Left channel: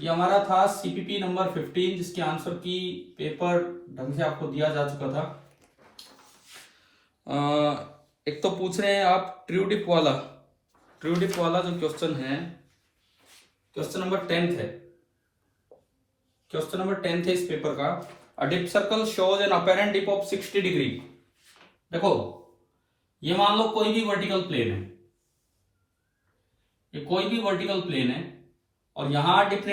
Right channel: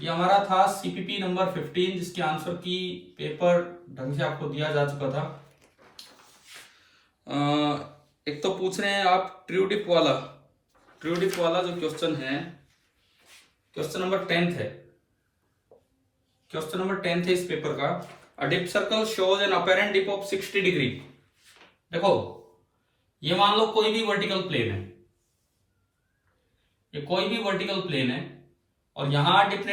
ये हमारा था सीपीपी नंबर 15, जिसके आंसर की पेपर ढंग से आपको दिया जा चुका था। एक तो पूछ रहे हैं आप ट्रू डिप वाला जो क्वेश्चन है, क्वेश्चन नंबर 10 है। क्वेश्चन नंबर 10 है इस पेपर का। A dip circle shows an apparent dip of 60 degree. देखो, ये मान लो कोई भी वर्टिकल प्लेन है, ये कोई भी वर्टिकल प्लेन है, और यहां डिप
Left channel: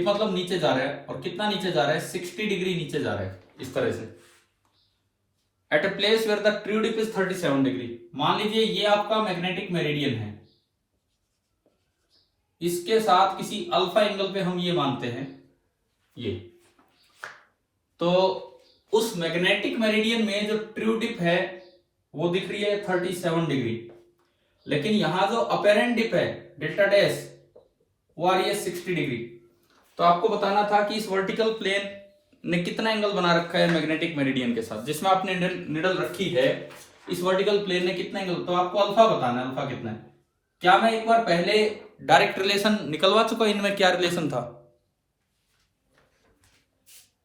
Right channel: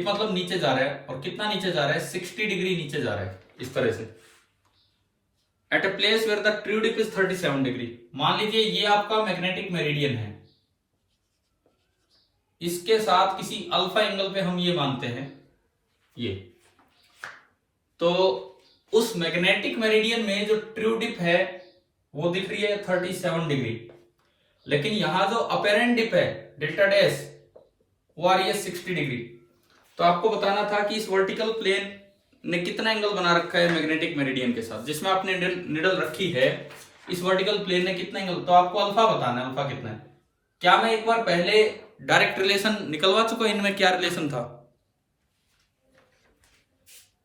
मतलब नीचे जा रहा है, और कितना नीचे जा रहा है, 60 डिग्री नीचे जा रहा है, इस तरह से। At a place where the true dip is 37 degree. मान लीजिए ये आपका मैग्नेटिक मेरिडियन है, इसके साथ किसी अल्फा एंगल पे हम ये मानते हैं ये, तो उस मैग्नेटिक मेरिडियन में जो ट्रू डिप है वो दिख रही है 37 डिग्री, लेकिन यहां जो अपेरेंट डिप है डेल्टा डैश वो आ रही है 60 डिग्री। तो आपको बताना था कि इस वर्टिकल प्लेन ने कितना एंगल बना रखा है मैग्नेटिक मेरिडियन के साथ, जिसमें आपने निडल रखी है, इस वर्टिकल प्लेन ने कितना एंगल, तो आपको अल्फा बताना है, अल्फा कितना है। क्या मैं एक बार पहले डायरेक्ट रिलेशन निकलवा चुका, इनमें क्या रिलेशन था,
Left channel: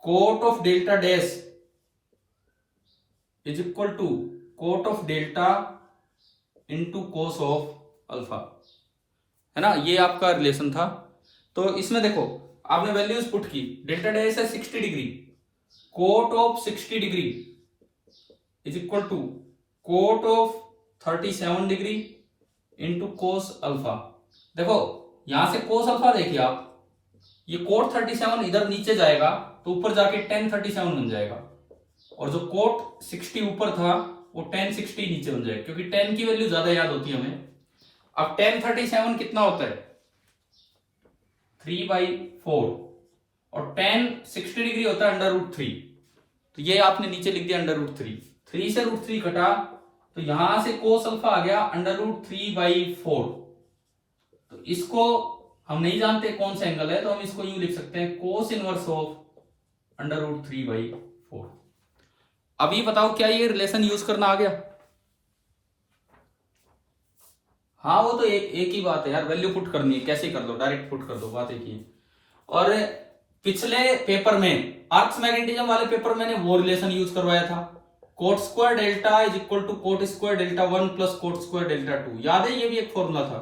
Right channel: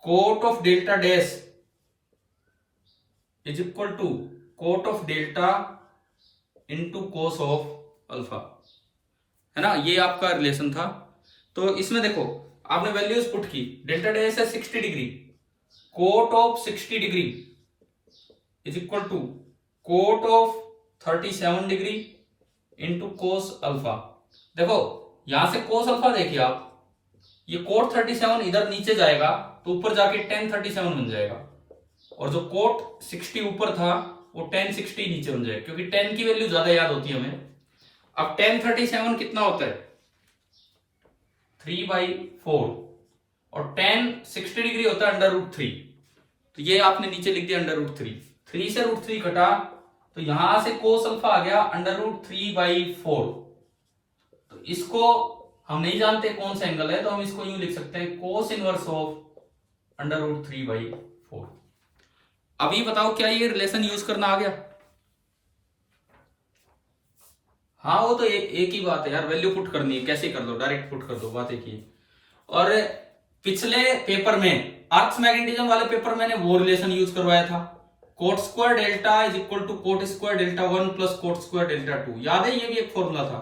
cot of delta dash is equal to cot of delta into cos of alpha, है ना, ये आपका रिलेशन था। तो इसमें देखो आपने वैल्यूज पुट की, डेल्टा डैश है 60 degree, cot of 60 degree is equal to cot of 37 degree into cos alpha. देखो यहां से कोस अल्फा देखिए आप, ये कोट 37 इधर नीचे जाएगा तो ऊपर जाके tan 37 बन जाएगा, और जो कोट 60 ऊपर था वो tan 60 नीचे बन जाएगा, क्योंकि tan की वैल्यू ज्यादा याद होती है हमें। अब tan 37 कितना होता है, 3/4, और tan 60 डिग्री होता है √3, तो ये आपने नीचे लिख दिया √3। 3 से √3 कटा तो यहां से कोस अल्फा आ गया √3/4। तो इसको हम नहीं जानते कौन सा एंगल है, तो हम इसको यूं लिख सकते हैं कोस इनवर्स ऑफ √3/4। अभी बताओ क्या ये रिलेशन यूज करना आ गया? हाँ वो तो एक ही बात है यार, वैल्यू पुट करनी है, कैसे कर दो, डायरेक्ट पुट कर दो, बात एक ही। और पिछले पेपर में अर्थ मैग्नेटिज्म वाले पेपर मैंने वो रिलेशन यूज करवाया था, cot square delta is equal to cot square delta 1 plus cot square delta 2। याद है, ये भी एक फॉर्मूला था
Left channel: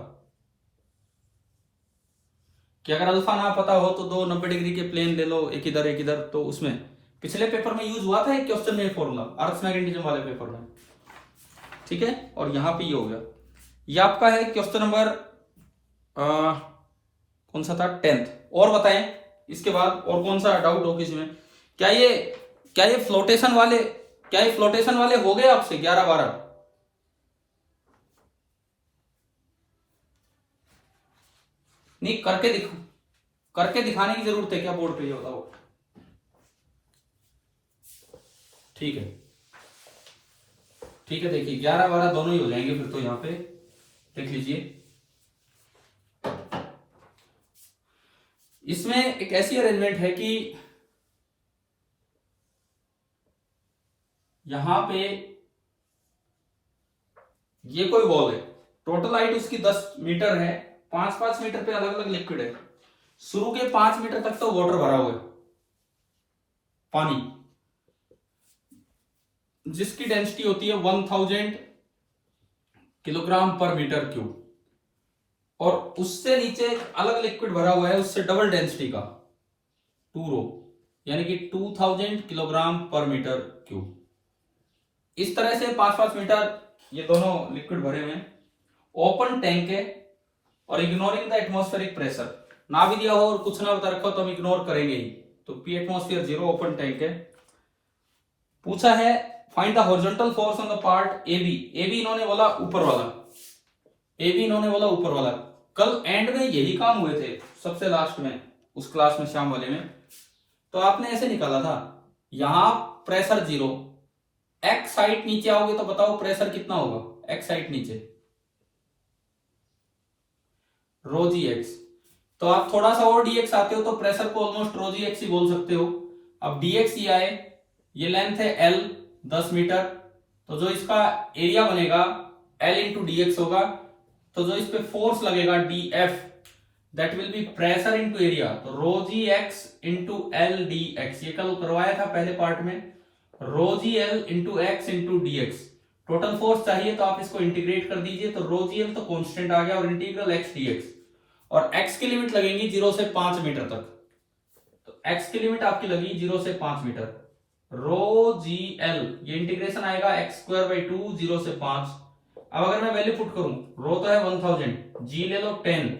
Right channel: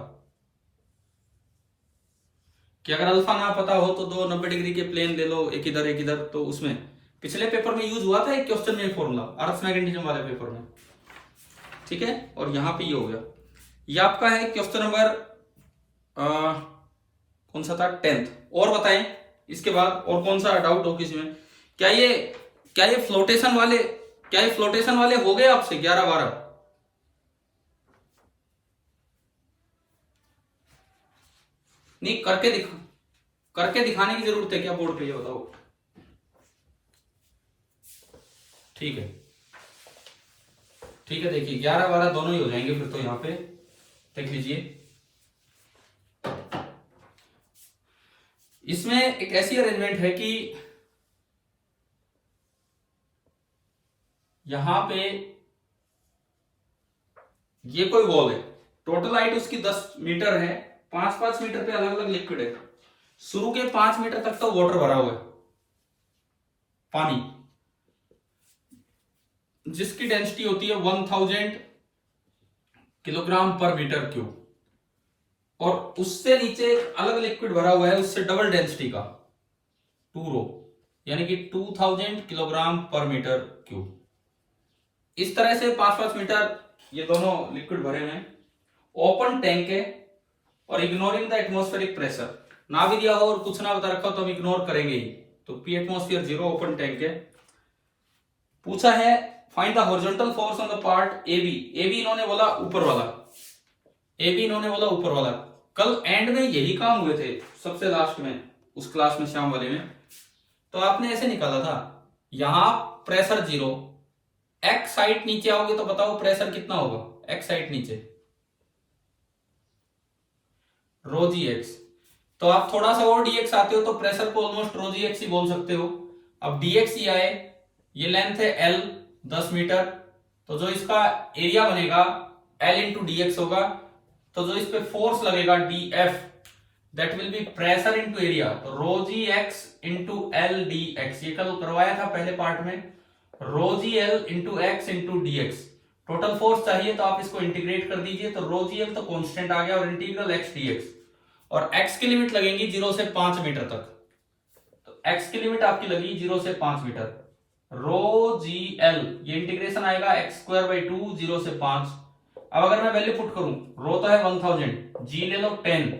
कि अगर अल्फा ना पता हो तो दो 90 डिग्री के प्लेन ले लो, एक इधर, तो उसमें पिछले पेपर में यूज हुआ था एक क्वेश्चन में फॉर्मूला, अर्थ मैग्नेटिज्म वाले पेपर में, ठीक है। और यहां पे ये हो गया, ये आपका है क्वेश्चन नंबर कौन सा था, 10th। और बताएं इसके बाद और कौन सा डाउट हो किसी में? क्या ये फ्लोटेशन वाले हो गए आपसे 11-12? नहीं, करके दिखाने की जरूरत है क्या बोर्ड पे, ये बताओ। ठीक है, देखिए 11-12 दोनों ही हो जाएंगे फिर तो, यहां पे देख लीजिए। इसमें एक ऐसी अरेंजमेंट है कि यहां पे ये कोई वॉल है, टोटल हाइट उसकी 10 मीटर है, 5-5 मीटर पे अलग अलग लिक्विड है। शुरू के 5 मीटर तक तो वाटर भरा हुआ है, पानी, जिसकी डेंसिटी होती है 1000 किलोग्राम पर मीटर क्यूब, और उससे नीचे अलग लिक्विड भरा हुआ है उससे डबल डेंसिटी का 2 रो, यानी कि 2000 किलोग्राम पर मीटर क्यूब। इस तरह से 5-5 मीटर ये दोनों लिक्विड भरे हुए हैं, ओपन टैंक है, और इग्नोरिंग द एटमॉस्फेरिक प्रेशर, ना भी दिया हो और कुछ ना बता रखा हो तो हम इग्नोर करेंगे ही, तो पी एटमॉस्फेयर 0, ओपन टैंक है। पूछा है find the horizontal force on the part AB. AB इन्होंने बोला ऊपर वाला, कल एंड में यही काम हुए थे, सबसे लास्ट में उस क्लास में, शाम वाले में। तो आपने ऐसे निकाला था, यहां प्रेशर 0, एक्स हाइट नीचे आओगे तो बताओ प्रेशर कितना होगा, एक्स हाइट नीचे रो जी एक्स, तो आप थोड़ा सा और dx आते हो तो प्रेशर को ऑलमोस्ट रो जी एक्स ही बोल सकते हो। अब dx ये आए, ये लेंथ है l 10 मीटर, तो जो इसका एरिया बनेगा l इंटू dx होगा, तो जो इस पे फोर्स लगेगा dF, that will be pressure into area, तो rho G X into L D X, ये कल करवाया था पहले पार्ट में, rho G L into X into D X. Total force चाहिए तो आप इसको इंटीग्रेट कर दीजिए, तो रो जी एल तो कॉन्स्टेंट आ गया और इंटीग्रल एक्स डी एक्स, और एक्स की लिमिट लगेगी 0 से 5 मीटर तक, तो एक्स की लिमिट आपकी लगी 0 से 5 मीटर। रो जी एल ये इंटीग्रेशन आएगा एक्स स्क्वायर बाई 2 0 से 5। अब अगर मैं वैल्यू पुट करूं, रो तो है 1000, जी ले लो 10,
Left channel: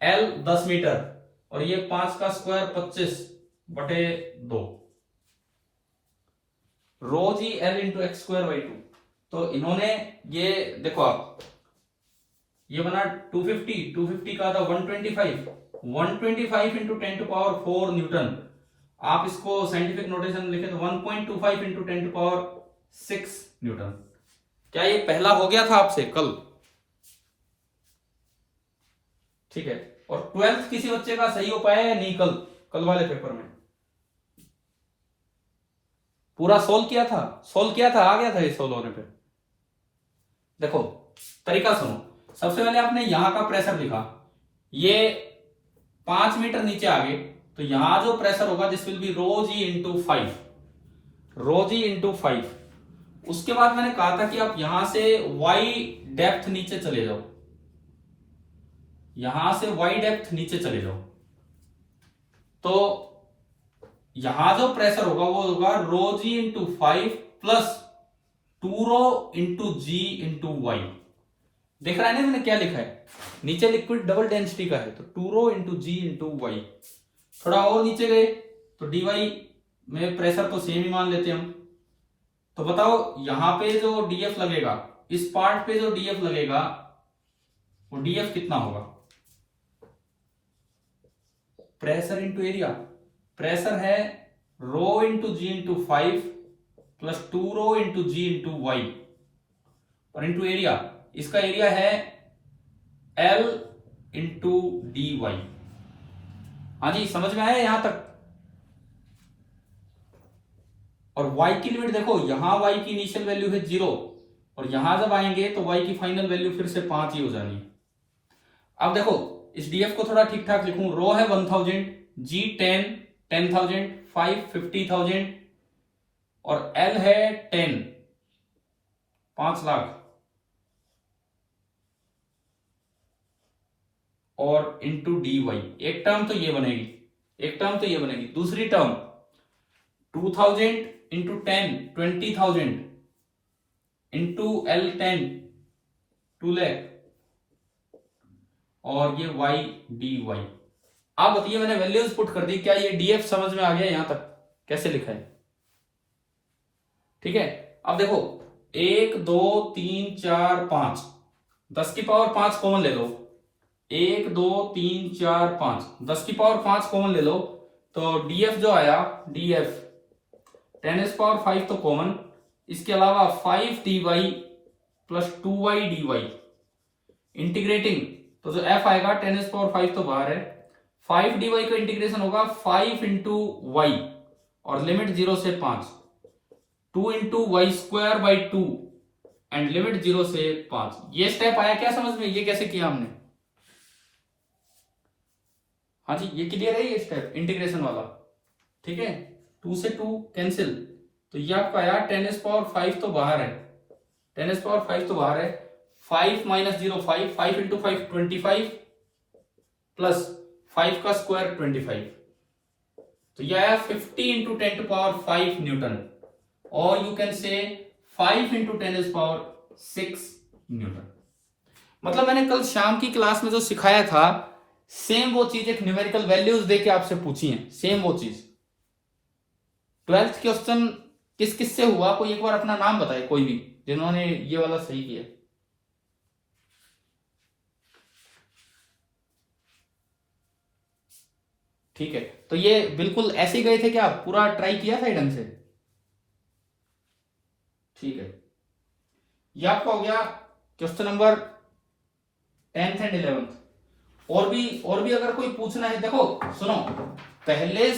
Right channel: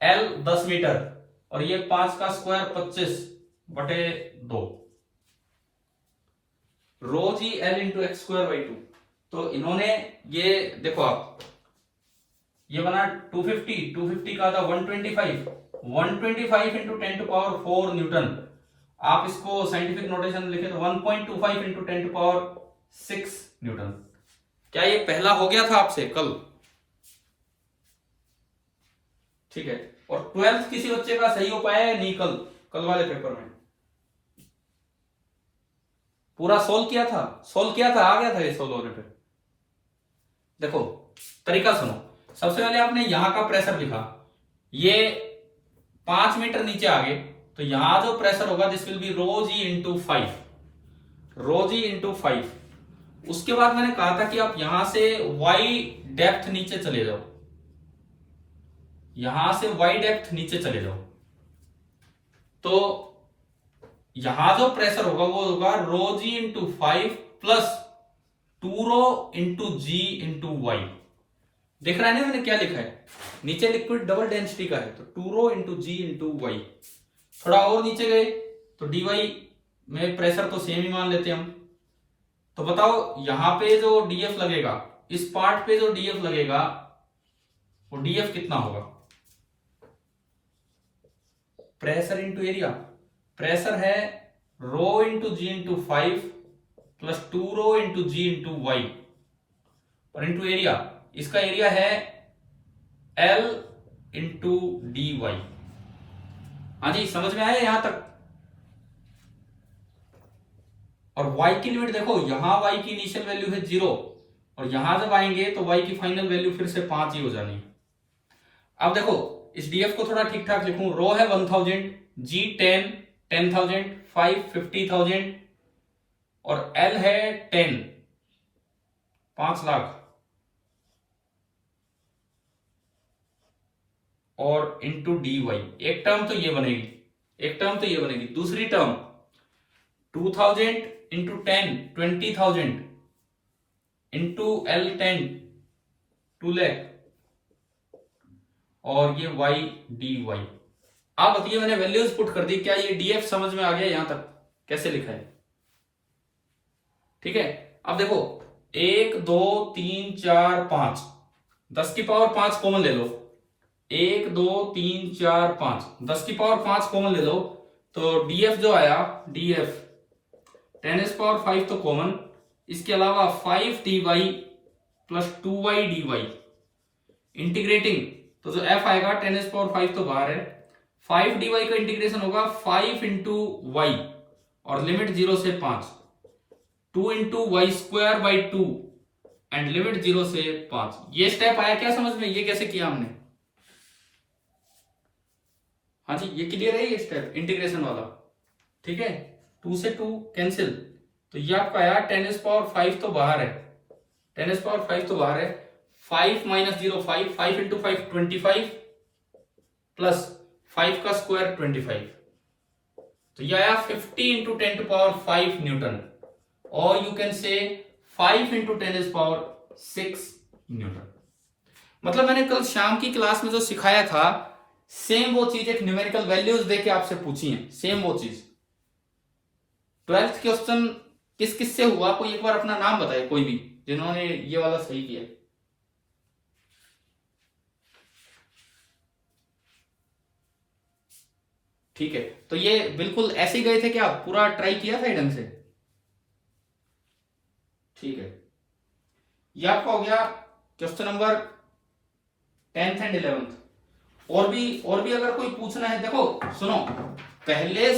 एल 10 मीटर, और ये 5 का square 25/2, rho G L into x square by 2। तो इन्होंने ये देखो आप, ये बना 250 का था 125 इंटू 10 टू पावर 4 न्यूटन। आप इसको साइंटिफिक नोटेशन में लिखे तो 1.25 इंटू 10 टू पावर 6 न्यूटन। क्या ये पहला हो गया था आपसे कल? ठीक है, और 12th किसी बच्चे का सही हो पाया या नहीं? कल वाले पेपर में पूरा सोल्व किया था, आ गया था ये सोल्व होने पे। देखो तरीका सुनो, सबसे पहले आपने यहां का प्रेशर लिखा, ये 5 मीटर नीचे आ गए, तो यहां जो प्रेशर होगा this will be rho g into 5, rho g into 5। उसके बाद मैंने कहा था कि आप यहां से वाई डेप्थ नीचे चले जाओ, यहां से वाई डेप्थ नीचे चले जाओ, तो यहां जो प्रेशर होगा वो होगा रो g into 5 plus 2 rho into जी इंटू वाई। देख रहा है ना मैंने क्या लिखा है, नीचे लिक्विड डबल डेंसिटी का है, तो 2 रो इंटू जी इंटू वाई। थोड़ा और नीचे गए तो डी वाई में प्रेशर तो सेम ही मान लेते हैं हम। तो बताओ यहां पे जो डीएफ लगेगा, इस पार्ट पे जो डीएफ लगेगा वो डीएफ कितना होगा? प्रेशर इंटू एरिया, प्रेशर है रो इंटू जी इंटू 5 प्लस 2 रो इंटू जी इंटू वाई, और इंटू एरिया, इसका एरिया है एल इंटू डी वाई। हाँ जी, समझ में आया यहां तक? और y की लिमिट देखो, यहां y की इनिशियल वैल्यू है 0, और यहां जब आएंगे तो y की फाइनल वैल्यू फिर से 5 ही हो जानी है। अब देखो इस df को थोड़ा ठीक ठाक लिखूं, रो है 1000, g 10,000, 5 50,000, और l है 10 5 लाख, और इंटू डी वाई। एक टर्म तो ये बनेगी, दूसरी term 2000 into 10 20,000 into L 10 2 lakh, और ये y dy। आप बताइए, मैंने वैल्यूज पुट कर दी, क्या ये df समझ में आ गया यहां तक कैसे लिखा है? ठीक है, अब देखो 1 2 3 4 5, 10 की पावर 5 कॉमन ले लो, 1 2 3 4 5, 10 की पावर 5 कॉमन ले लो, तो df जो आया df 10⁵ तो कॉमन, इसके अलावा 5 dy plus 2y dy, integrating तो जो f आएगा 10⁵ तो बाहर है, 5 dy का इंटीग्रेशन होगा 5 इंटू वाई, और लिमिट 0 से 5, 2 into y square by 2, and limit 0 से 5। ये स्टेप आया क्या समझ में? ये कैसे किया हमने? हाँ जी, ये क्लियर है ये स्टेप इंटीग्रेशन वाला? ठीक है, 2 से 2 कैंसिल, तो ये आपका आया 10⁵ तो बाहर है, 10⁵ तो बाहर है, 5 माइनस 0 5, 5 इंटू 5 25, प्लस 5 का स्क्वायर 25, तो ये आया 50 इंटू 10 टू पावर 5 न्यूटन, और you can say 5 into 10⁶ Newton. मतलब मैंने कल शाम की क्लास में जो सिखाया था, सेम वो चीज एक न्यूमेरिकल वैल्यूज देके आपसे पूछी है, सेम वो चीज। 12th क्वेश्चन किस किस से हुआ, कोई एक बार अपना नाम बताए, कोई भी जिन्होंने ये वाला सही किया। ठीक है, तो ये बिल्कुल ऐसे गए थे क्या? पूरा ट्राई किया था ढंग से? ठीक है, ये आपका हो गया question number 10th and 11th। और भी अगर कोई पूछना है, देखो सुनो, पहले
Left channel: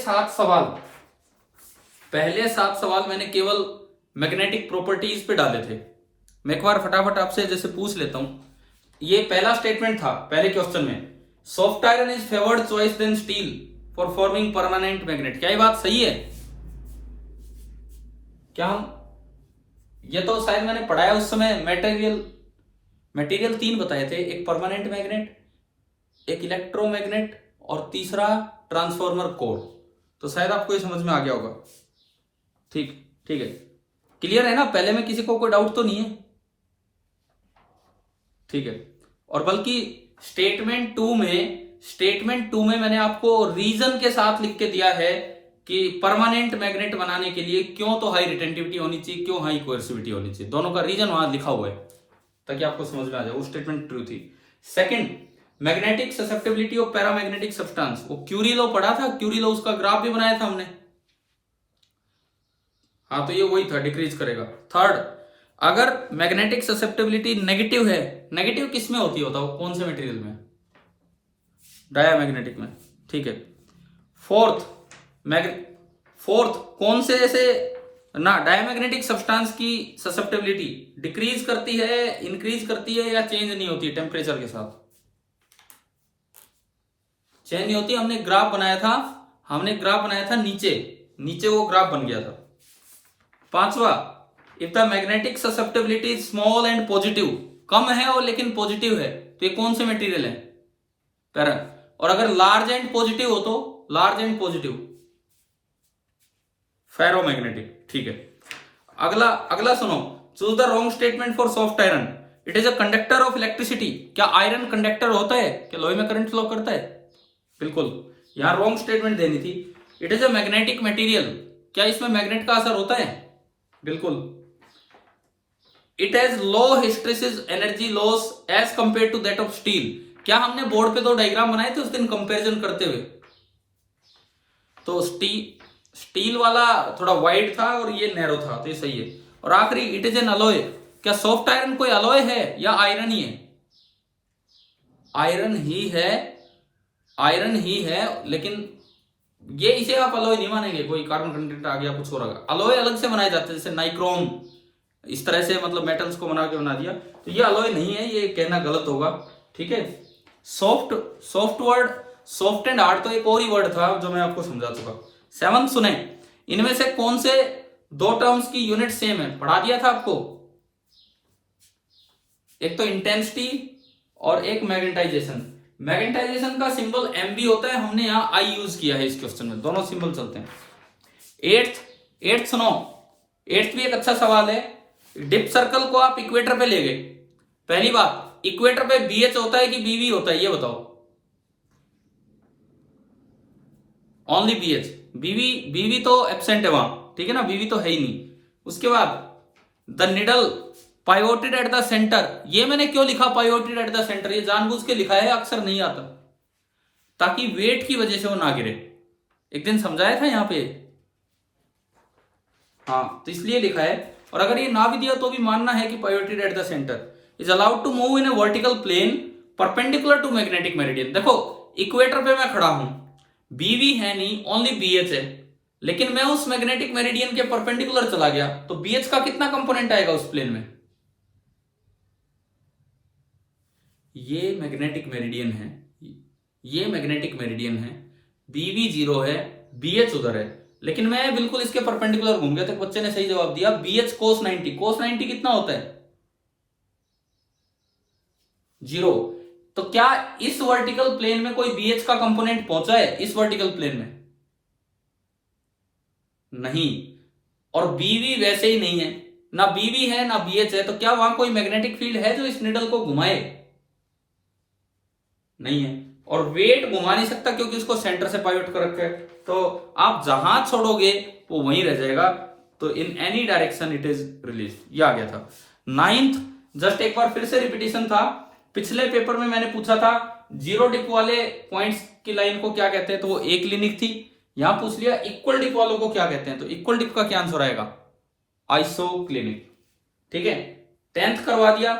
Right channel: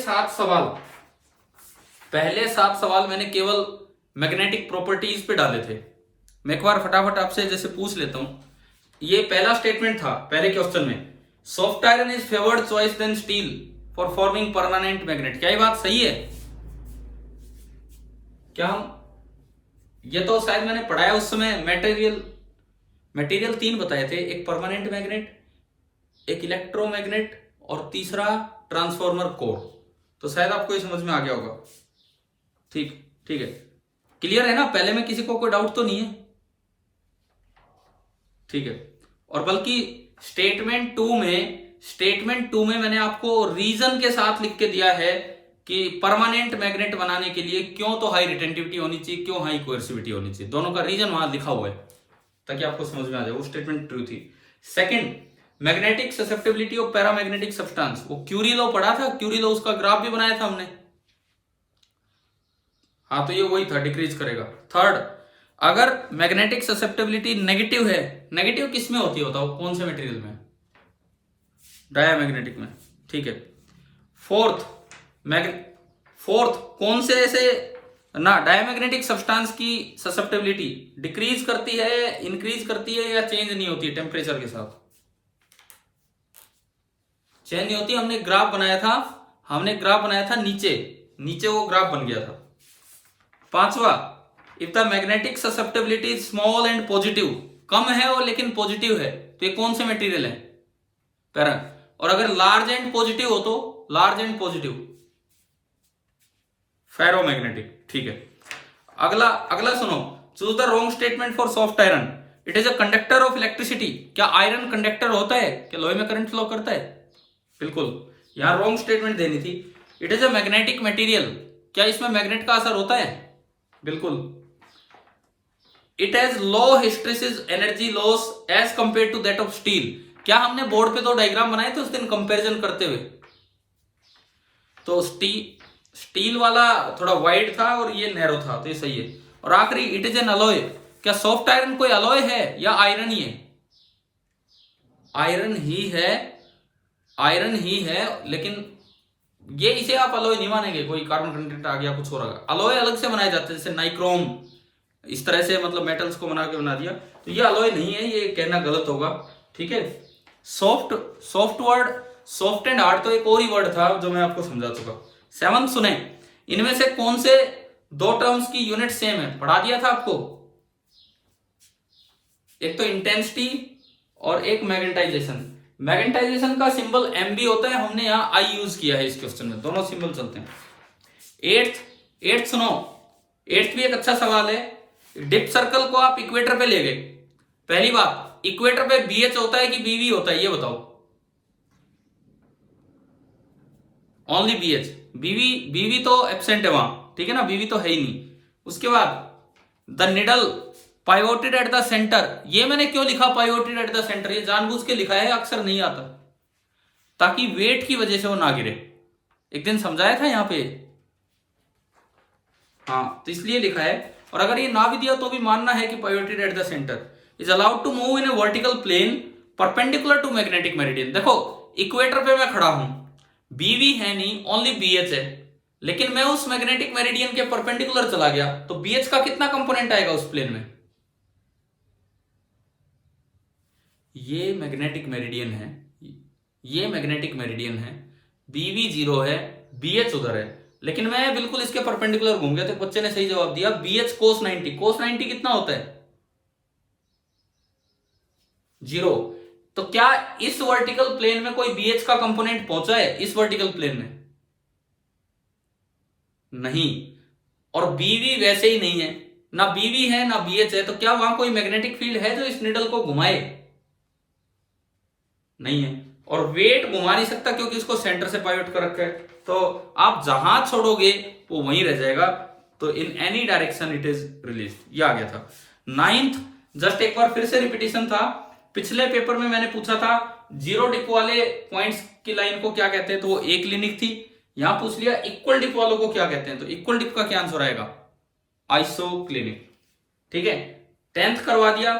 7 सवाल मैंने केवल मैग्नेटिक प्रॉपर्टीज पे डाले थे। मैं एक बार फटाफट आपसे जैसे पूछ लेता हूं। ये पहला स्टेटमेंट था पहले क्वेश्चन में, soft iron is favoured choice than steel for forming permanent magnet. क्या ये बात सही है? क्या हम, ये तो शायद मैंने पढ़ाया उस समय, मटेरियल 3 बताए थे, एक परमानेंट मैग्नेट, एक इलेक्ट्रोमैग्नेट और तीसरा ट्रांसफॉर्मर कोर। तो शायद आपको ये समझ में आ गया होगा। ठीक ठीक है, क्लियर है ना? पहले में किसी को कोई डाउट तो नहीं है? ठीक है। और बल्कि स्टेटमेंट टू में मैंने आपको रीजन के साथ लिख के दिया है कि परमानेंट मैग्नेट बनाने के लिए क्यों तो हाई रिटेंटिविटी होनी चाहिए, क्यों हाई कोएर्सिविटी होनी चाहिए, दोनों का रीजन वहां लिखा हुआ है ताकि आपको समझ में आ जाए। वो स्टेटमेंट ट्रू थी। Second, magnetic susceptibility of paramagnetic substance, वो क्यूरी लॉ पढ़ा था, क्यूरी लॉ उसका ग्राफ भी बनाया था हमने। हाँ, तो ये वही था, डिक्रीज करेगा। थर्ड, अगर मैग्नेटिक ससेप्टेबिलिटी नेगेटिव है, नेगेटिव किस में होती है बताओ, कौन से मटेरियल में? डायामैग्नेटिक में। ठीक है। फोर्थ कौन से ऐसे ना डायमैग्नेटिक सब्सटेंस की ससेप्टेबिलिटी डिक्रीज करती है, इंक्रीज करती है या चेंज नहीं होती है टेम्परेचर के साथ? चेंज नहीं होती। हमने ग्राफ बनाया था नीचे वो ग्राफ बन गया था। पांचवा, if the magnetic susceptibility is small and positive, कम है और लेकिन पॉजिटिव है, तो ये कौन से मटेरियल है? पैरा। और अगर लार्ज एंड पॉजिटिव हो तो फेरोमैग्नेटिक। ठीक है। अगला सुनो, choose the wrong statement for soft iron. It is a conductor of electricity. क्या आयरन कंडक्टर होता है? क्या लोहे में करंट फ्लो करता है? बिल्कुल, यहां रॉन्ग स्टेटमेंट देनी थी। It is a magnetic material. क्या इसमें मैग्नेट का असर होता है? बिल्कुल। It has low hysteresis energy loss as compare to that of steel. क्या हमने बोर्ड पे 2 डायग्राम बनाए थे उस दिन कंपैरिजन करते हुए? तो स्टील वाला थोड़ा वाइड था और ये नैरो था, तो ये सही है। और आखिरी, इट इज एन अलॉय। क्या सॉफ्ट आयरन कोई अलॉय है या आयरन ही है? आयरन ही है, लेकिन ये इसे आप अलॉय नहीं मानेंगे, कोई कार्बन कंटेंट आ गया, कुछ और आ गया। अलॉय अलग से बनाए जाते हैं, जैसे नाइक्रोम, इस तरह से मतलब मेटल्स को बना दिया, तो ये अलॉय नहीं है, ये कहना गलत होगा। ठीक है। सॉफ्ट एंड हार्ड तो एक और ही वर्ड था जो मैं आपको समझा चुका। 7 सुने, इनमें से कौन से 2 टर्म्स की यूनिट सेम है? पढ़ा दिया था आपको। एक तो इंटेंसिटी और एक मैग्नेटाइजेशन। मैग्नेटाइजेशन का सिंबल MB होता है, हमने यहां I यूज किया है इस क्वेश्चन में, दोनों सिंबल चलते हैं। एट्थ सुनो, एट्थ भी एक अच्छा सवाल है। डिप सर्कल को आप इक्वेटर पे ले गए, पहली बात, इक्वेटर पे BH होता है कि BV होता है, ये बताओ। Only BH। BV तो एब्सेंट है वहां, ठीक है ना, BV तो है ही नहीं। उसके बाद the needle pivoted at the centre. ये मैंने क्यों लिखा पाइवोटेड एट द सेंटर? ये जानबूझ के लिखा है, अक्सर नहीं आता, ताकि वेट की वजह से वो ना गिरे। एक दिन समझाया था यहां पे, हाँ, तो इसलिए लिखा है। और अगर ये ना भी दिया तो भी मानना है कि pivoted at the centre is allowed to move in a vertical plane perpendicular to magnetic meridian. देखो, इक्वेटर पे मैं खड़ा हूं, BV है नहीं, ओनली BH है, लेकिन मैं उस मैग्नेटिक मेरिडियन के परपेंडिकुलर चला गया, तो BH का कितना कंपोनेंट आएगा उस प्लेन में? ये मैग्नेटिक मेरिडियन है, BV 0 है, BH उधर है, लेकिन मैं बिल्कुल इसके परपेंडिकुलर घूम गया। तो बच्चे ने सही जवाब दिया, BH cos 90। cos 90 कितना होता है? 0। तो क्या इस वर्टिकल प्लेन में कोई BH का कंपोनेंट पहुंचा है? इस वर्टिकल प्लेन में नहीं। और BV वैसे ही नहीं है, ना BV है ना BH है, तो क्या वहां कोई मैग्नेटिक फील्ड है जो इस निडल को घुमाए? नहीं है। और वेट घुमा नहीं सकता क्योंकि उसको सेंटर से पाइवोट कर रखा है, तो आप जहां छोड़ोगे वो वहीं रह जाएगा। तो in any direction it is release. ये आ गया था। 9th, जस्ट एक बार फिर से रिपीटिशन था, पिछले पेपर में मैंने पूछा था 0 डिप वाले पॉइंट्स की लाइन को क्या कहते हैं, तो वो एक क्लिनिक थी। यहां पूछ लिया इक्वल डिप वालों को क्या कहते हैं, तो इक्वल डिप का क्या आंसर आएगा? आइसोक्लिनिक। ठीक है। 10th करवा दिया,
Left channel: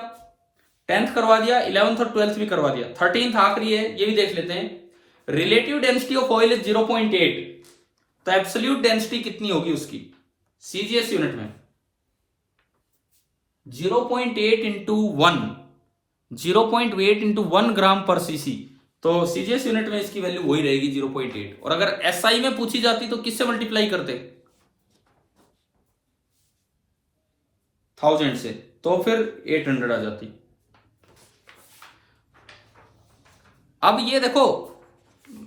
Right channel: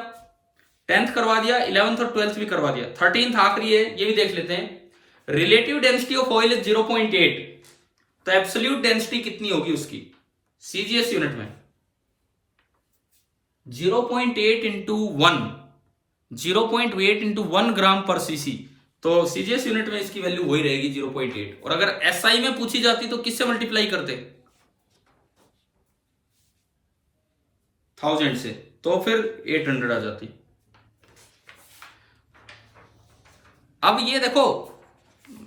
11th और 12th भी करवा दिया। 13th आखिरी है, ये भी देख लेते हैं। Relative density of oil is 0.8, तो एब्सोल्यूट डेंसिटी कितनी होगी उसकी CGS यूनिट में? 0.8 इंटू 1 ग्राम पर cc। तो सीजीएस यूनिट में इसकी वैल्यू वही रहेगी 0.8। और अगर एसआई में पूछी जाती तो किससे मल्टीप्लाई करते? 1000 से, तो फिर 800 आ जाती। अब ये देखो,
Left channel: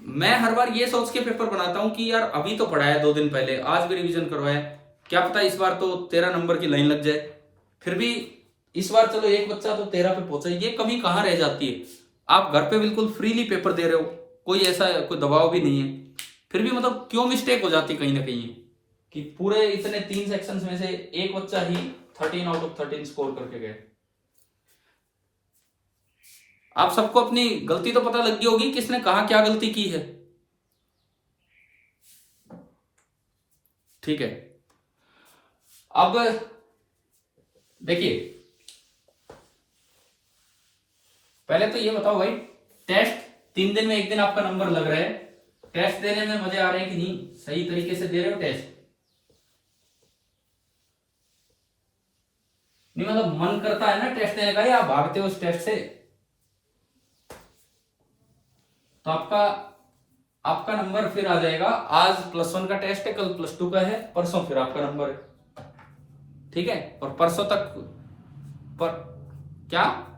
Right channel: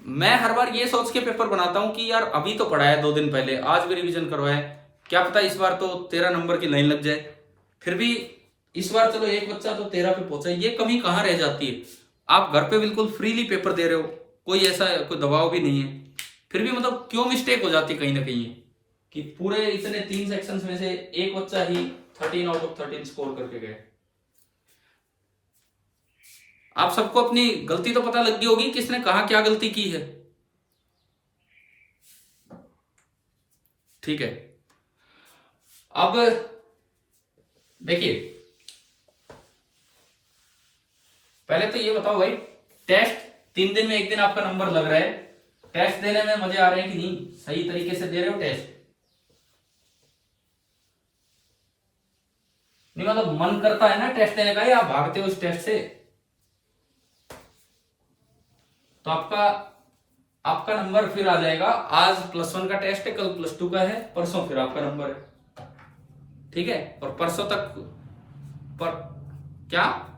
मैं हर बार ये सोच के पेपर बनाता हूं कि यार अभी तो पढ़ा है 2 दिन पहले, आज भी रिवीजन करवाया, क्या पता इस बार तो 13 नंबर की लाइन लग जाए। फिर भी इस बार चलो एक बच्चा तो 13 पे पहुंचा, ये कमी कहां रह जाती है? आप घर पे बिल्कुल फ्रीली पेपर दे रहे हो, कोई ऐसा कोई दबाव भी नहीं है, फिर भी मतलब क्यों मिस्टेक हो जाती कहीं ना कहीं कि पूरे इतने 3 सेक्शंस में से एक बच्चा ही 13 आउट ऑफ 13 स्कोर करके गए। आप सबको अपनी गलती तो पता लग गई होगी, किसने कहा क्या गलती की है। ठीक है, अब देखिए, पहले तो ये बताओ भाई, टेस्ट 3 दिन में 1 दिन आपका नंबर लग रहा है, टेस्ट देने में मजे आ रहे हैं कि नहीं? सही तरीके से दे रहे हो टेस्ट? नहीं मतलब मन करता है ना टेस्ट देने का, या आप भागते हो उस टेस्ट से? तो आपका नंबर फिर आ जाएगा, आज +1 का टेस्ट है, कल +2 का है, परसों फिर आपका नंबर है। ठीक है, और परसों तक पर क्या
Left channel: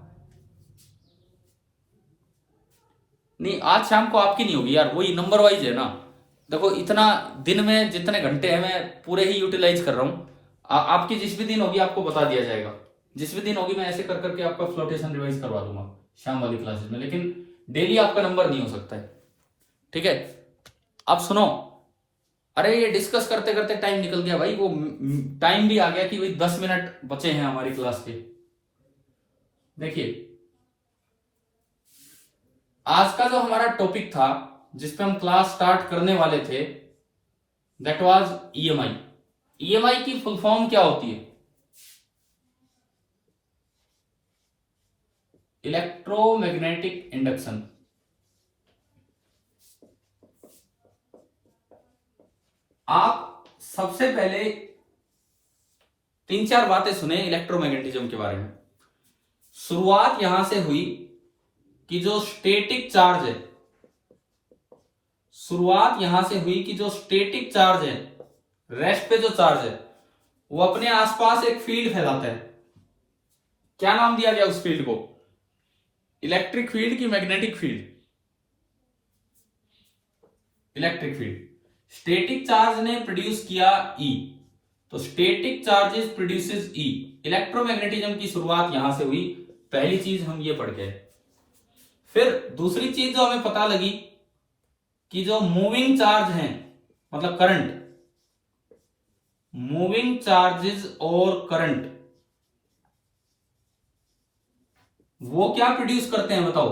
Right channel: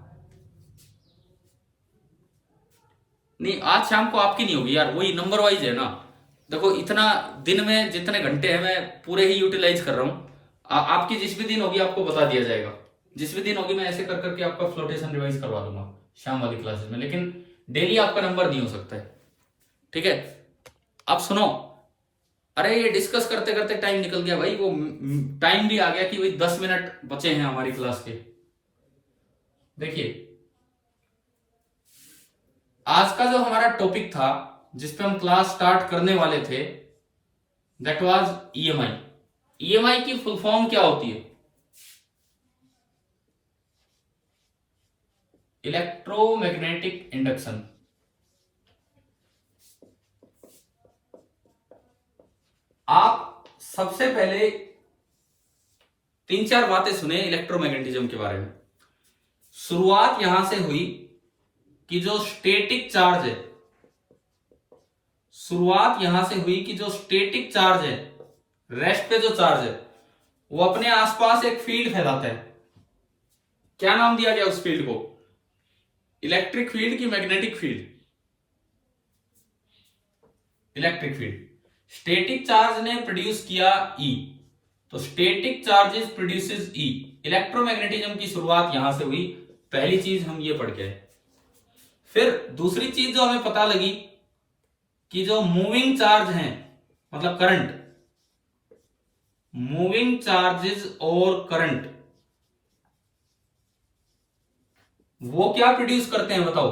नहीं, आज शाम को आपकी नहीं होगी यार, वही नंबर वाइज है ना। देखो इतना दिन में जितने घंटे हैं मैं पूरे ही यूटिलाइज कर रहा हूं। आपकी जिस भी दिन होगी आपको बता दिया जाएगा, जिस भी दिन होगी मैं ऐसे कर करके आपका फ्लोटेशन रिवाइज करवा दूंगा शाम वाली क्लासेस में, लेकिन डेली आपका नंबर नहीं हो सकता है। ठीक है, अब सुनो, अरे ये डिस्कस करते करते टाइम निकल गया भाई, वो टाइम भी आ गया कि भाई 10 मिनट बचे हैं हमारी क्लास के। देखिए, आज का जो हमारा टॉपिक था जिसपे हम क्लास स्टार्ट करने वाले थे, दैट वाज ईएमआई। ईएमआई की फुल फॉर्म क्या होती है? Electromagnetic induction. आप सबसे पहले 3-4 बातें सुने इलेक्ट्रोमैग्नेटिज्म के बारे में। शुरुआत यहां से हुई कि जो स्टैटिक चार्ज है, शुरुआत यहां से हुई कि जो स्टैटिक चार्ज है, रेस्ट पे जो चार्ज है, वो अपने आसपास एक फील्ड फैलाता है। क्या नाम दिया गया उस फील्ड को? इलेक्ट्रिक फील्ड की magnetic field? Electric field. Static charge ने प्रोड्यूस किया ई, तो स्टैटिक चार्जेस प्रोड्यूसेस ई। इलेक्ट्रोमैग्नेटिज्म की शुरुआत यहां से हुई, पहली चीज हम ये पढ़ गए। फिर दूसरी चीज जो हमें पता लगी कि जो मूविंग चार्ज हैं, मतलब करंट, मूविंग चार्जेस और करंट, वो क्या प्रोड्यूस करते हैं बताओ?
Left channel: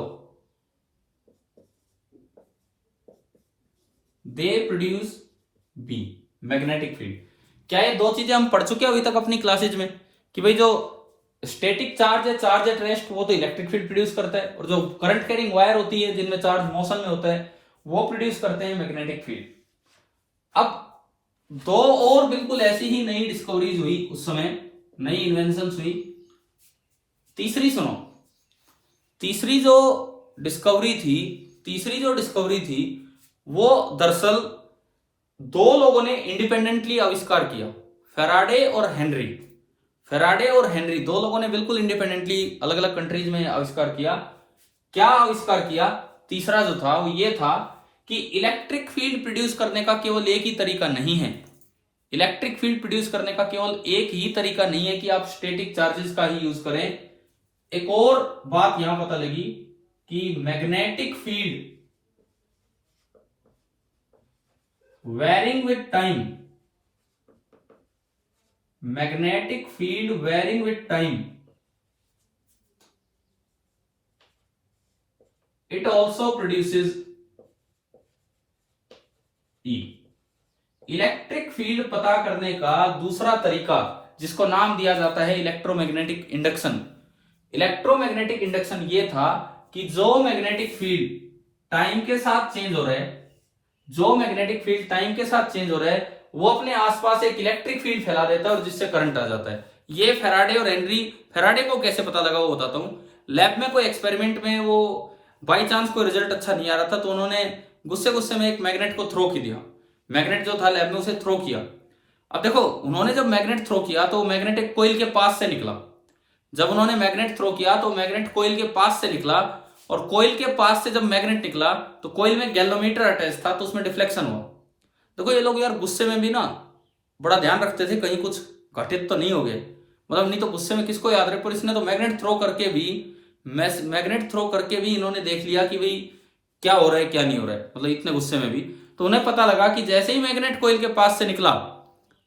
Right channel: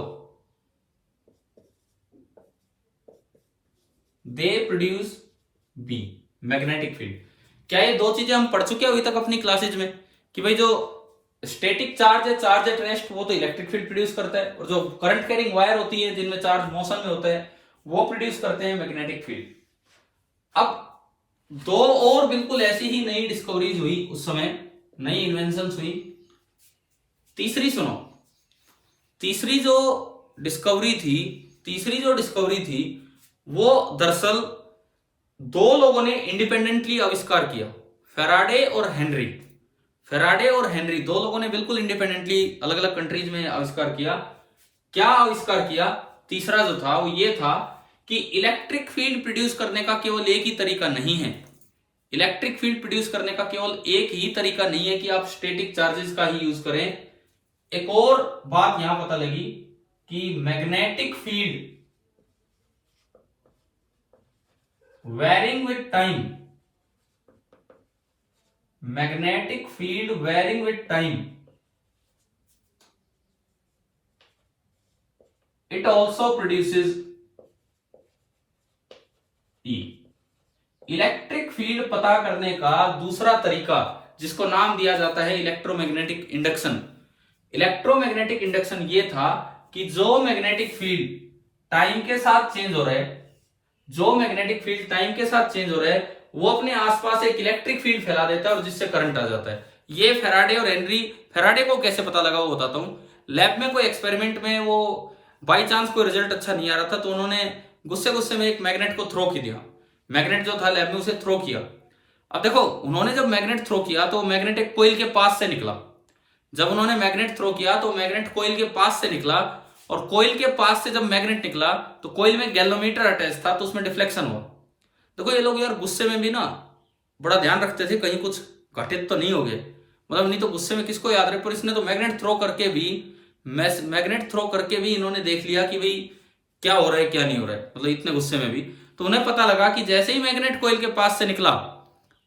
They produce B, magnetic field. क्या ये 2 चीजें हम पढ़ चुके हैं अभी तक अपनी क्लासेज में कि भाई जो स्टैटिक चार्ज है, चार्ज एट रेस्ट, वो तो इलेक्ट्रिक फील्ड प्रोड्यूस करता है, और जो करंट कैरिंग वायर होती है जिनमें चार्ज मोशन में होता है, वो प्रोड्यूस करते हैं मैग्नेटिक फील्ड। अब 2 और बिल्कुल ऐसी ही नई डिस्कवरीज हुई उस समय, नई इन्वेंशंस हुई। तीसरी सुनो, तीसरी जो डिस्कवरी थी वो दरअसल 2 लोगों ने इंडिपेंडेंटली आविष्कार किया, फैराडे और हेनरी। फैराडे और हेनरी 2 लोगों ने बिल्कुल इंडिपेंडेंटली अलग अलग कंट्रीज में आविष्कार किया। क्या आविष्कार किया? तीसरा जो था वो ये था कि इलेक्ट्रिक फील्ड प्रोड्यूस करने का केवल एक ही तरीका नहीं है। इलेक्ट्रिक फील्ड प्रोड्यूस करने का केवल एक ही तरीका नहीं है कि आप स्टैटिक चार्जेस का ही यूज करें। एक और बात यहां पता लगी कि magnetic field varying with time, magnetic field varying with time, it also produces E. Electric field पता करने का दूसरा तरीका, जिसको नाम दिया जाता है इलेक्ट्रोमैग्नेटिक इंडक्शन। इलेक्ट्रोमैग्नेटिक इंडक्शन ये था कि जो मैग्नेटिक फील्ड टाइम के साथ चेंज हो रहा है, जो मैग्नेटिक फील्ड टाइम के साथ चेंज हो रहा है, वो अपने आसपास एक इलेक्ट्रिक फील्ड फैला देता है और जिससे करंट आ जाता है। ये फैराडे और हेनरी, फैराडे को कैसे पता लगा वो बताता हूं। लैब में कोई एक्सपेरिमेंट में वो बाई चांस कोई रिजल्ट अच्छा नहीं आ रहा था तो उन्होंने गुस्से गुस्से में एक मैग्नेट को थ्रो किया, मैग्नेट जो था लैब में उसे थ्रो किया। अब देखो उन्होंने जब मैग्नेट थ्रो किया तो मैग्नेट एक कोइल के पास से निकला, जब उन्होंने मैग्नेट थ्रो किया तो मैग्नेट कोइल के पास से निकला, और कोइल के पास से जब मैग्नेट निकला तो कोइल में गैल्वेनोमीटर अटैच था तो उसमें डिफ्लेक्शन हुआ। देखो ये लोग यार गुस्से में भी ना बड़ा ध्यान रखते थे कहीं कुछ घटित तो नहीं हो गए, मतलब नहीं तो गुस्से में किसको याद रहे, पर इसने तो मैग्नेट थ्रो करके भी इन्होंने देख लिया कि भाई क्या हो रहा है क्या नहीं हो रहा है, मतलब इतने गुस्से में भी। तो उन्हें पता लगा कि जैसे ही मैग्नेट कोइल के पास से निकला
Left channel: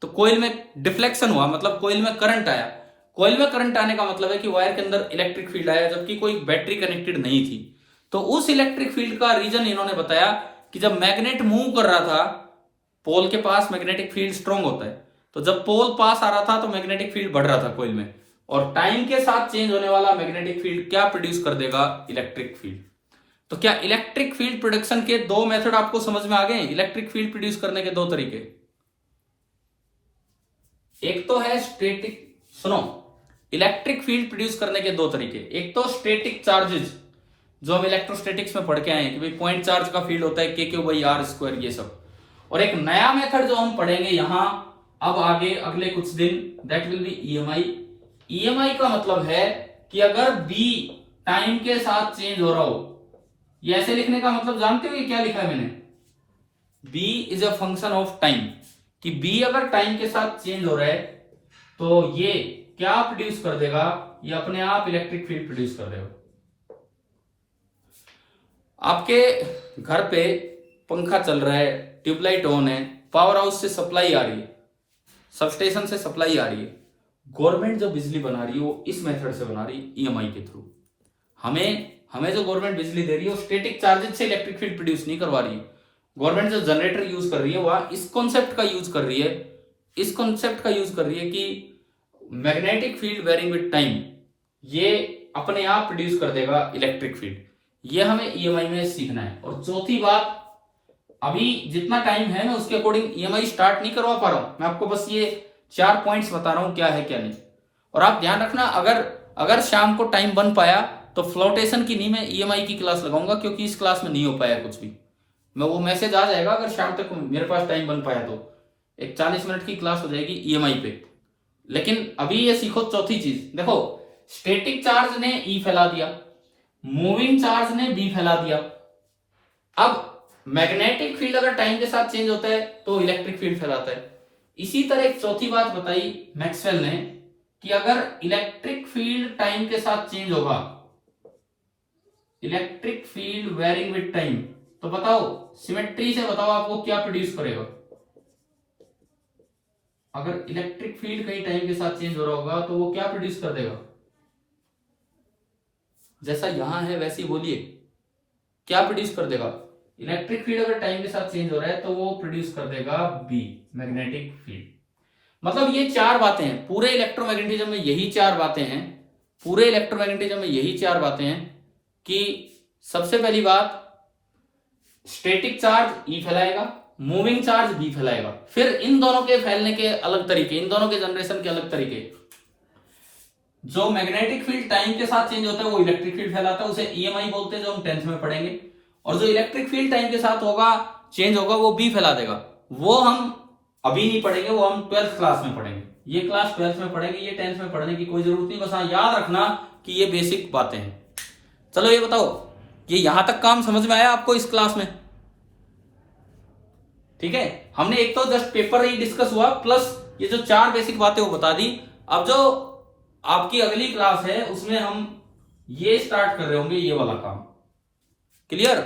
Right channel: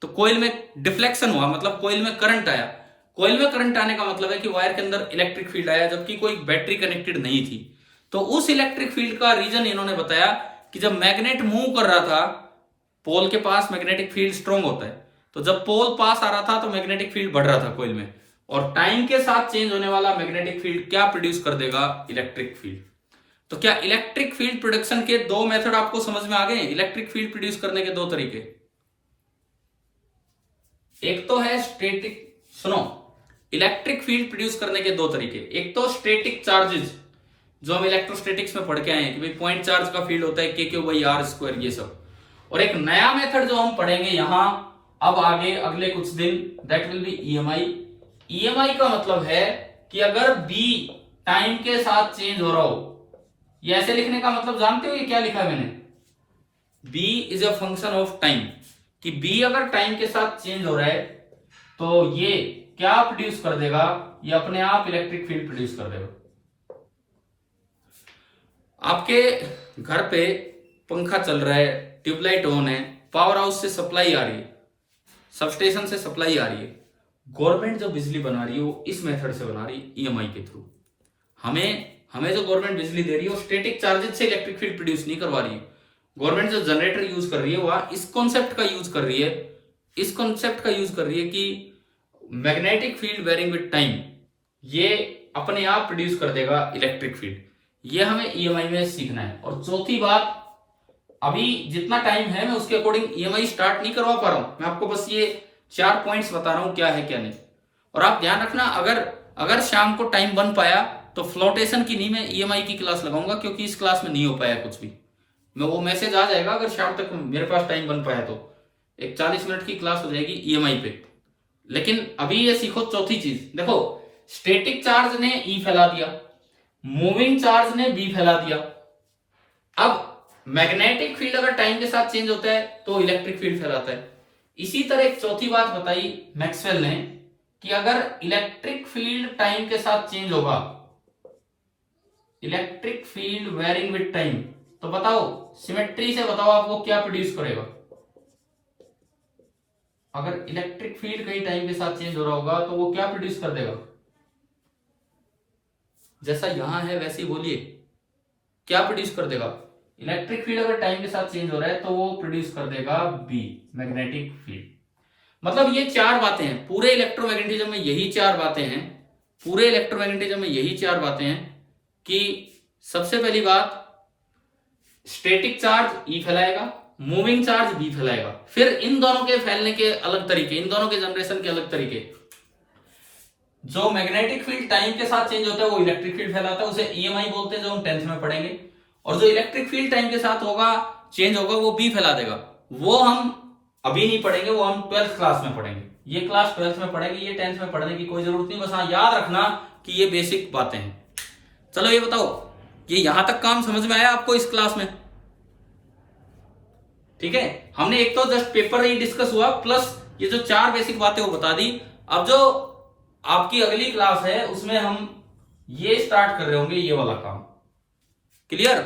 तो कोइल में डिफ्लेक्शन हुआ, मतलब कोइल में करंट आया। कोइल में करंट आने का मतलब है कि वायर के अंदर इलेक्ट्रिक फील्ड आया, जबकि कोई बैटरी कनेक्टेड नहीं थी। तो उस इलेक्ट्रिक फील्ड का रीजन इन्होंने बताया कि जब मैग्नेट मूव कर रहा था, पोल के पास मैग्नेटिक फील्ड स्ट्रॉन्ग होता है, तो जब पोल पास आ रहा था तो मैग्नेटिक फील्ड बढ़ रहा था कोइल में, और टाइम के साथ चेंज होने वाला मैग्नेटिक फील्ड क्या प्रोड्यूस कर देगा, इलेक्ट्रिक फील्ड। तो क्या इलेक्ट्रिक फील्ड प्रोडक्शन के दो मेथड आपको समझ में आ गए? इलेक्ट्रिक फील्ड प्रोड्यूस करने के दो तरीके, एक तो है स्टैटिक, सुनो, इलेक्ट्रिक फील्ड प्रोड्यूस करने के दो तरीके, एक तो स्टैटिक चार्जेस जो हम इलेक्ट्रोस्टैटिक्स में पढ़ के आए हैं कि भाई पॉइंट चार्ज का फील्ड होता है Q/R², ये सब, और एक नया मेथड जो हम पढ़ेंगे यहां अब आगे अगले कुछ दिन, that will B EMI। EMI का मतलब है कि अगर B टाइम के साथ चेंज हो रहा हो, ये ऐसे लिखने का मतलब जानते हो ये क्या लिखा है मैंने, B is a function of time, कि B अगर टाइम के साथ चेंज हो रहा है तो ये क्या प्रोड्यूस कर देगा, ये अपने आप इलेक्ट्रिक फील्ड प्रोड्यूस कर देगा। आपके घर पे पंखा चल रहा है, ट्यूबलाइट ऑन है, पावर हाउस से सप्लाई आ रही है, सबस्टेशन से सप्लाई आ रही है, गवर्नमेंट जो बिजली बना रही है वो इस मेथड से बना रही है, EMI के थ्रू। हमें जो गवर्नमेंट बिजली दे रही है वो स्टैटिक चार्जेस से इलेक्ट्रिक फील्ड प्रोड्यूस नहीं करवा रही है। गवर्नमेंट जो जनरेटर यूज कर रही है वह इस कॉन्सेप्ट का यूज कर रही है, कि magnetic field varying with time ये अपने आप प्रोड्यूस कर देगा इलेक्ट्रिक फील्ड। ये हमें EMI में सीखना है। और चौथी बात, अभी जितना टाइम है मैं उसके अकॉर्डिंग EMI स्टार्ट नहीं करवा पा रहा हूं, मैं आपको बस ये 4 पॉइंट्स बता रहा हूं क्या है क्या नहीं। और आप ध्यान रखना, अगर शाम को टाइम बन पाया तो फ्लोटेशन की नहीं मैं EMI की क्लास लगाऊंगा, क्योंकि इस क्लास में नहीं हो पाया कुछ भी, मैं वो मैसेज आ जाएगा अगर शाम तक मेरे पास टाइम बन पाया तो एक 40 मिनट की क्लास हो जाएगी EMI पे। लेकिन अभी ये सीखो चौथी चीज, देखो स्टैटिक चार्ज ने E फैला दिया, मूविंग चार्ज ने B फैला दिया। अब मैग्नेटिक फील्ड अगर टाइम के साथ चेंज होता है तो इलेक्ट्रिक फील्ड फैलाता है। इसी तरह एक चौथी बात बताई मैक्सवेल ने कि अगर इलेक्ट्रिक फील्ड टाइम के साथ चेंज होगा, electric field varying with time, तो बताओ सिमेट्री से बताओ आपको क्या प्रोड्यूस करेगा। अगर इलेक्ट्रिक फील्ड कहीं टाइम के साथ चेंज हो रहा होगा तो वो क्या प्रोड्यूस कर देगा, जैसा यहां है वैसे ही बोलिए, क्या प्रोड्यूस कर देगा। इलेक्ट्रिक फील्ड अगर टाइम के साथ चेंज हो रहा है तो वो प्रोड्यूस कर देगा B, मैग्नेटिक फील्ड। मतलब ये 4 बातें हैं पूरे इलेक्ट्रोमैग्नेटिज्म में, यही 4 बातें हैं पूरे इलेक्ट्रोमैग्नेटिज्म में, यही 4 बातें हैं कि सबसे पहली बात स्टैटिक चार्ज E फैलाएगा, मूविंग चार्ज B फैलाएगा। फिर इन दोनों के फैलने के अलग तरीके, इन दोनों के जनरेशन के अलग तरीके। जो मैग्नेटिक फील्ड टाइम के साथ चेंज होता है वो इलेक्ट्रिक फील्ड फैलाता है, उसे EMI बोलते हैं, जो हम 10th में पढ़ेंगे। और जो इलेक्ट्रिक फील्ड टाइम के साथ होगा चेंज होगा वो B फैला देगा, वो हम अभी नहीं पढ़ेंगे, वो हम 12th क्लास में पढ़ेंगे। ये क्लास 12th में पढ़ेंगे, ये 10th में पढ़ने की कोई जरूरत नहीं, बस हाँ याद रखना कि ये बेसिक बातें हैं। चलो ये बताओ, ये यहां तक काम समझ में आया आपको इस क्लास में? ठीक है, हमने एक तो जस्ट पेपर ही डिस्कस हुआ, प्लस ये जो 4 बेसिक बातें वो बता दी। अब जो आपकी अगली क्लास है उसमें हम ये स्टार्ट कर रहे होंगे, ये वाला काम। क्लियर?